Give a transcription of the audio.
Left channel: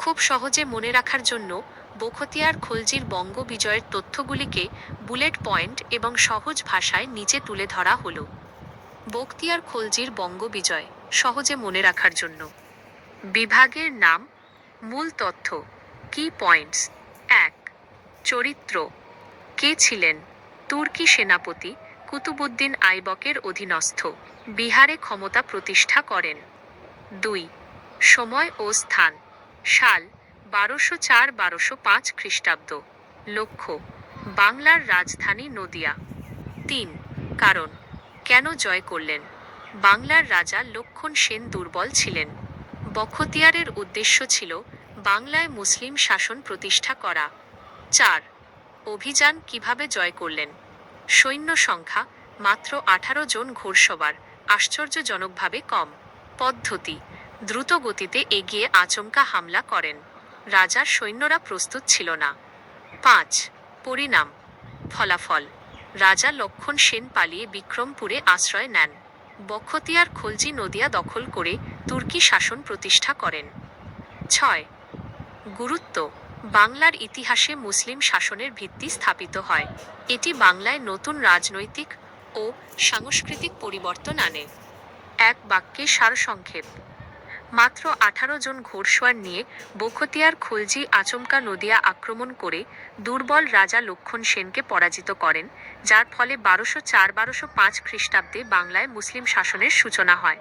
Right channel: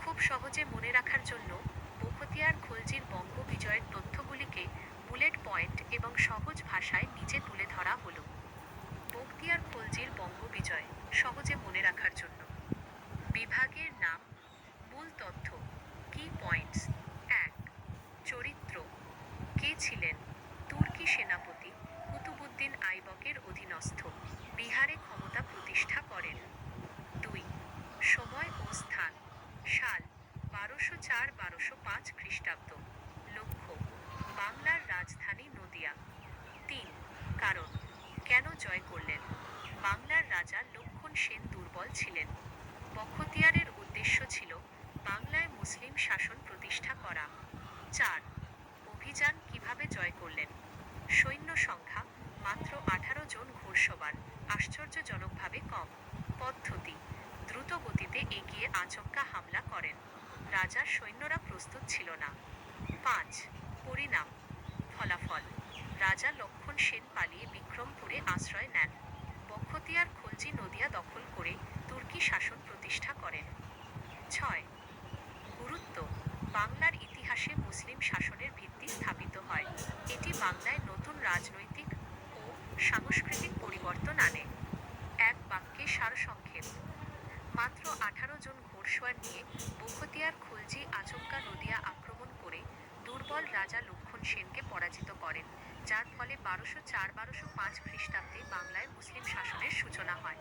খুব সহজে মনে রাখার জন্য বখতিয়ার খলজির বঙ্গ বিজয়ের তথ্যগুলিকে বুলেট পয়েন্ট এবং সহজ ভাষায় নিচে তুলে ধরা হলো। বখতিয়ার খলজির বঙ্গ বিজয় সহজে মনে রাখার জন্য। বিভাগের নাম, মূল তথ্য কি পয়েন্টস এক, চরিত্র, কে ছিলেন, তুর্কি সেনাপতি কুতুবুদ্দিন আইবকের অধীনস্থ, বিহারে ক্ষমতা প্রতিষ্ঠা করেন। দুই, সময় ও স্থান। সাল বারোশো চার বারোশো পাঁচ খ্রিস্টাব্দ। লক্ষ্য, বাংলার রাজধানী নদিয়া। তিন, কারণ, কেন জয় করলেন? বাংলার রাজা লক্ষণ সেন দুর্বল ছিলেন। বখতিয়ারের উদ্দেশ্য ছিল বাংলায় মুসলিম শাসন প্রতিষ্ঠা করা। চার, অভিযান কীভাবে জয় করলেন? সৈন্য সংখ্যা মাত্র আঠারো জন ঘোড়সবার আশ্চর্যজনকভাবে কম। পদ্ধতি দ্রুত গতিতে এগিয়ে আচমকা হামলা করেন। রাজার সৈন্যরা প্রস্তুত ছিল না। পাঁচ, পরিণাম। ফলাফল। রাজা লক্ষণ সেন পালিয়ে বিক্রমপুরে আশ্রয় নেন। বখতিয়ার খলজি নদিয়া দখল করে তুর্কি শাসন প্রতিষ্ঠা করেন। ছয়, গুরুত্ব। বাংলার ইতিহাসে মুসলিম শাসনের ভিত্তি স্থাপিত হয়। এটি বাংলায় নতুন রাজনৈতিক ও সাংস্কৃতিক পরিবর্তন আনে। এক বাক্যে সারসংক্ষেপ। মাত্র আঠারো জন ঘোড়সওয়ার নিয়ে বখতিয়ার, খলজি, আচমকা নদিয়া আক্রমণ করে দুর্বল রাজা লক্ষণ সেনকে পরাজিত করেন, যার ফলে বারোশো চার, বারোশো পাঁচ খ্রিস্টাব্দে বাংলায় মুসলিম শাসনের সূচনা হয়।